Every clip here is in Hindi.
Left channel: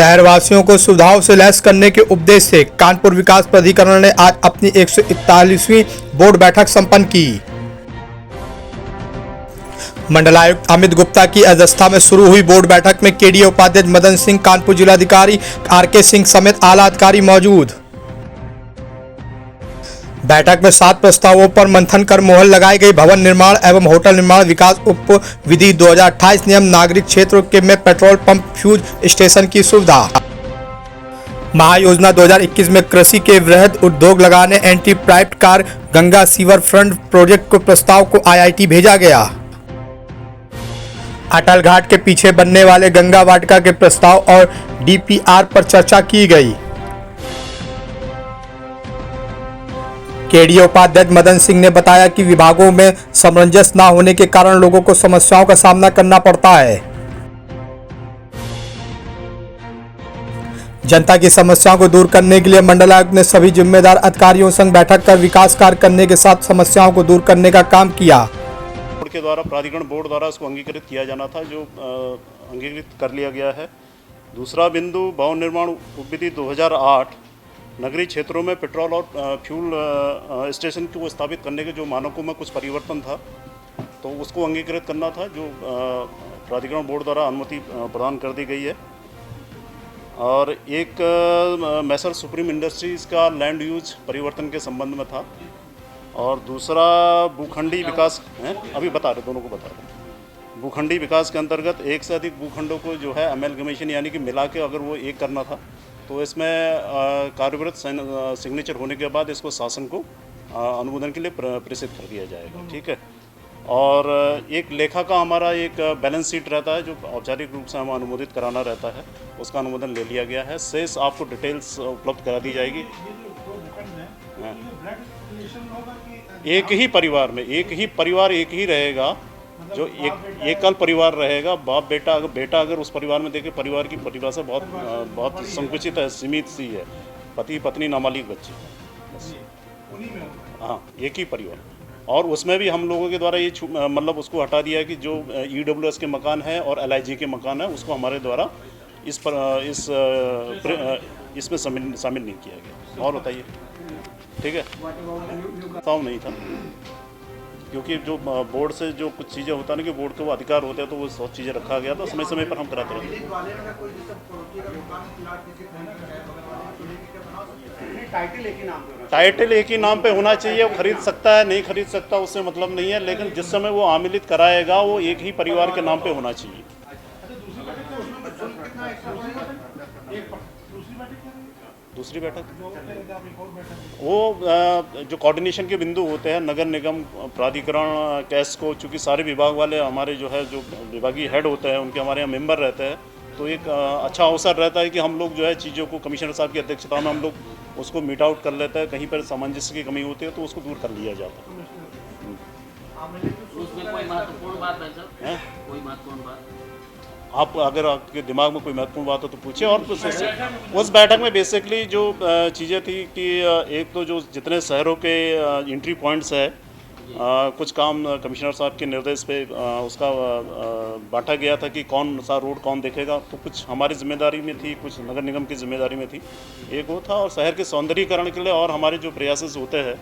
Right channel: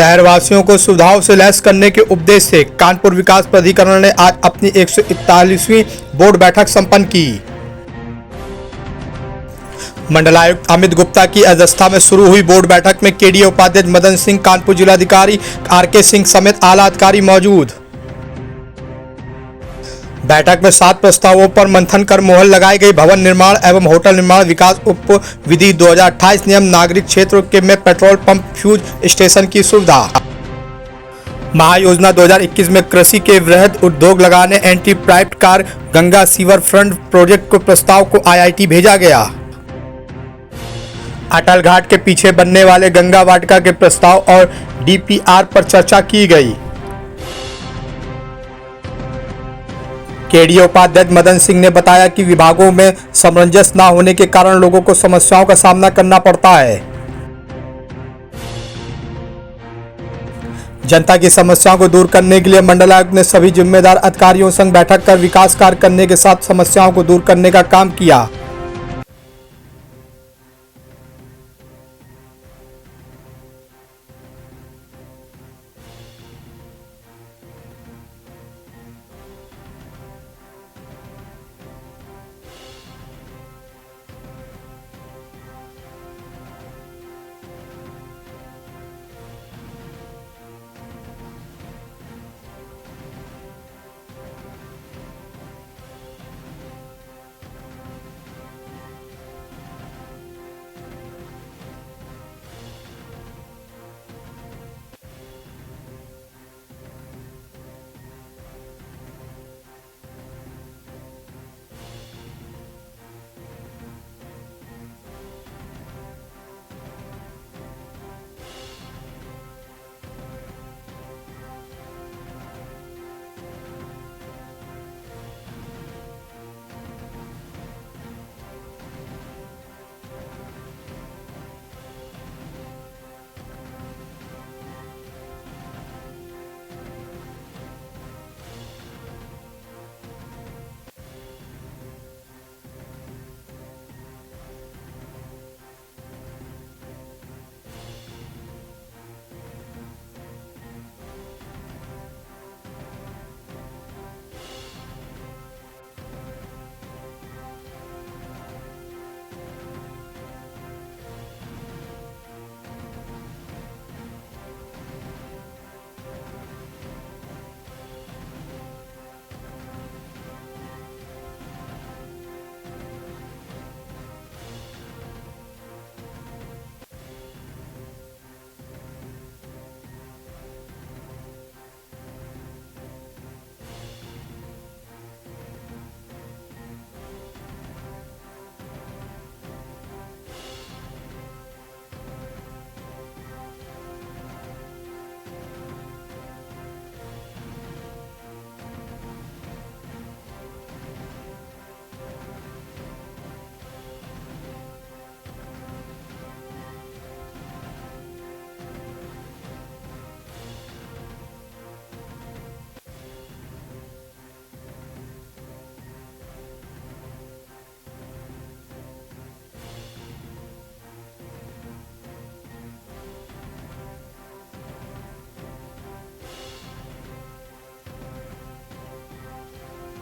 शहरवासियों को सुविधाओं से लैस करने के उद्देश्य से कानपुर विकास प्राधिकरण ने आज अपनी 141वीं बोर्ड बैठक संपन्न की। मंडलायुक्त अमित गुप्ता की अध्यक्षता में शुरू हुई बोर्ड बैठक में केडीए उपाध्यक्ष मदन सिंह, कानपुर जिलाधिकारी आरके सिंह समेत आला अधिकारी मौजूद। बैठक में 7 प्रस्तावों पर मंथन कर मोहर लगाई गई। भवन निर्माण एवं होटल निर्माण विकास उप विधि 2028 नियम, नागरिक क्षेत्र के में पेट्रोल पंप फ्यूज स्टेशन की सुविधा। महायोजना 2021 में कृषि के वृहद उद्योग लगाने anti private car Ganga sewer front project को प्रस्ताव को IIT भेजा गया। अटल घाट के पीछे बनने वाले गंगा वाटिका के प्रस्ताव और DPR पर चर्चा की गई। केडीए उपाध्यक्ष मदन सिंह ने बताया कि विभागों में सामंजस्य न होने के कारण लोगों को समस्याओं का सामना करना पड़ता है। जनता की समस्याओं को दूर करने के लिए मंडलायुक्त ने सभी जिम्मेदार अधिकारियों संग बैठक कर विकास कार्य करने के साथ समस्याओं को दूर करने का काम किया। बोर्ड के द्वारा, प्राधिकरण बोर्ड द्वारा इसको अंगीकृत किया जाना था, जो अंगीकृत कर लिया गया है। दूसरा बिंदु, भवन निर्माण उपविधि 2008 नगरीय क्षेत्रों में पेट्रोल और फ्यूल स्टेशन को स्थापित करने के जो मानकों में कुछ परिवर्तन था, तो उसको अंगीकृत करना था, जो प्राधिकरण बोर्ड द्वारा अनुमति प्रदान कर दी गई है। और एक मैसर सुप्रीम इंडस्ट्रीज़ का लैंड यूज परिवर्तन के संबंध में था। और दूसरा भूखंडी विकास है, अभी बता रहे, दोनों को बता रहे। भूखंडी विकास के अंतर्गत एक से अधिक भूखंडों को जो है अमेलगमेशन यानी कि मिला के अगर वो एक करना था, तो इसमें कार्यविरत सिग्नेचर होने के बाद इसको शासन को अनुमोदन के लिए प्रेषित कर दिया जाएगा। ठीक है। और एक लेखा का हमारा एक बैलेंस शीट रहता है, जो औपचारिक रूप से हम अनुमोदित कराना रहता है, उसका अनुमोदन ले लिया गया है। शेष आपको डिटेल्स उपलब्ध करा दी जाएगी। एक ही परिवार में एक ही रहेगा, जो एकल परिवार रहेगा। बाप बेटा अगर उस परिवार में देखे, परिवार की परिभाषा बहुत संकुचित है, सीमित सी है। पति पत्नी नाबालिग बच्चे, हाँ, एक ही परिवार। और उसमें भी हम लोगों के द्वारा ये मतलब उसको हटा दिया कि जो EWS के मकान है और LIG के मकान है, उसको हमारे द्वारा इसमें शामिल नहीं किया गया। और बताइए। ठीक है, बताओ नहीं था, क्योंकि जो बोर्ड से जो कुछ चीज़ें होता है ना, कि बोर्ड के वो अधिकार होते हैं, तो वो सब चीज़ें रखा गया था। समय समय पर हम कराते रहते हैं। टाइटल एक ही नाम पे होना चाहिए। वो खरीद सकता है, नहीं खरीद सकता, उससे मतलब नहीं है, लेकिन जिस समय वो आमिलित कराएगा वो एक ही परिवार के नाम पे होना चाहिए। दूसरी बैठक वो जो कोऑर्डिनेशन के बिंदु होते हैं, नगर निगम, प्राधिकरण, कैस को, चूँकि सारे विभाग वाले हमारे जो है, जो विभागीय हेड होते हैं, उनके हमारे यहाँ मेंबर रहते हैं, तो एक अच्छा अवसर रहता है कि हम लोग जो है चीज़ों को कमिश्नर साहब की अध्यक्षता में हम लोग उसको मीट आउट कर लेते हैं। कहीं पर सामंजस्य की कमी होती है तो उसको दूर कर लिया जाता है। आप अगर आपके दिमाग में कोई महत्वपूर्ण बात हो तो पूछिए। और उस बैठक में बेसिकली जो चीज़ें थी कि एक तो जो जितने शहरों के एंट्री पॉइंट्स है, कुछ काम कमिश्नर साहब के निर्देश पे उसका बांटा गया था कि कौन सा रोड कौन देखेगा, तो कुछ हमारी जिम्मेदारी में थी, कुछ नगर निगम की जिम्मेदारी में थी। एक वो था। और शहर के सौंदर्यीकरण के लिए और हमारे जो प्रयास होते हैं,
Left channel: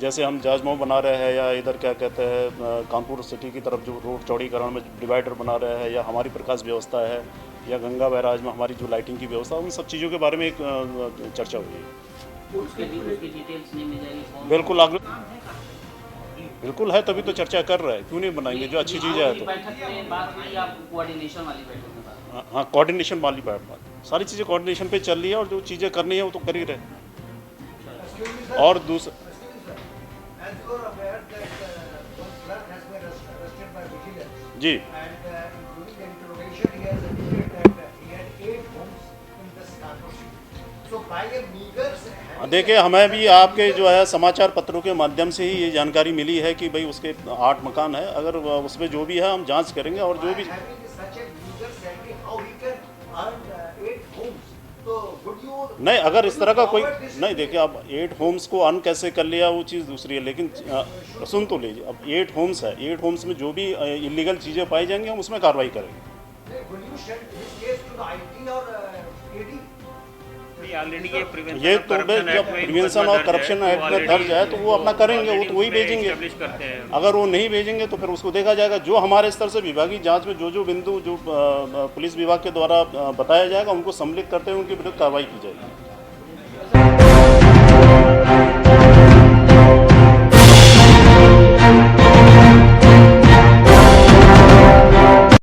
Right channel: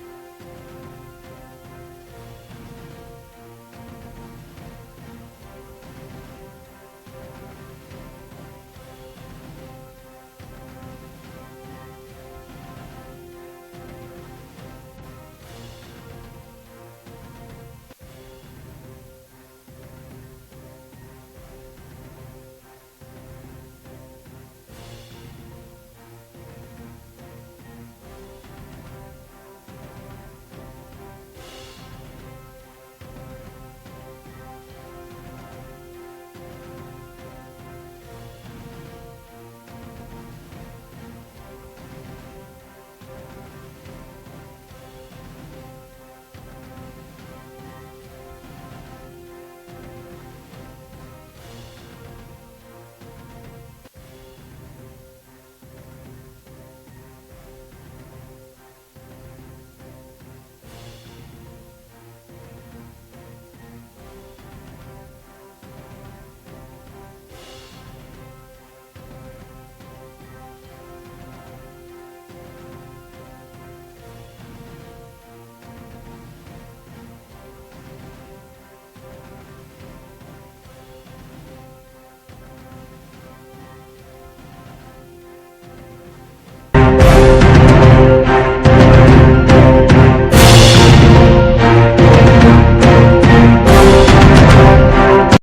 जैसे हम जाजमऊ बना रहे हैं, या इधर क्या कहते हैं कानपुर सिटी की तरफ जो रोड चौड़ीकरण में डिवाइडर बना रहे हैं, या हमारी प्रकाश व्यवस्था है, या गंगा बैराज में हमारी जो लाइटिंग की व्यवस्था, उन सब चीज़ों के बारे में एक चर्चा हुई है। बिल्कुल है, तभी तो चर्चा कर रहे हैं। क्यों नहीं बनाएंगे, जो अच्छी चीज़ है तो। हाँ, कोऑर्डिनेशन वाली बात, सारी चीज़ें कोऑर्डिनेशन पे चल रही है, और जो चीज़ें करनी है वो तो कर ही रहे। और दूसरा जी, देखिए, हमें भी आपके जो है समाचार पत्रों के माध्यम से ही ये जानकारी मिली है कि भाई उसके 8 मकान है। अगर उसमें जो भी है हम जांच करेंगे, और जो भी नहीं, अगर इस तरह का कोई नहीं, देखिए, अब 8 होम्स को अन कैसे कर लिया वो चीज़ दूसरी है, लेकिन सुन तो लीजिए। अब 8 होम्स है, 8 होम्स में जो भी इलीगल चीज़ें पाई जाएंगी हम उसमें कार्रवाई करेंगे। ये तो जब प्रिवेंशन और करप्शन एक्ट में दर्ज है तो वो अपना करेंगे, वो तो वही भेजेंगे। अगर वो नहीं भेजेंगे तो फिर उसको देखा जाएगा। जो हमारे स्तर से विभागीय जांच में जो बिंदु जो पुलिस विभाग के द्वारा बताया जाएगा, उनको सम्मिलित करते हुए उनके विरुद्ध कार्रवाई की जाएगी।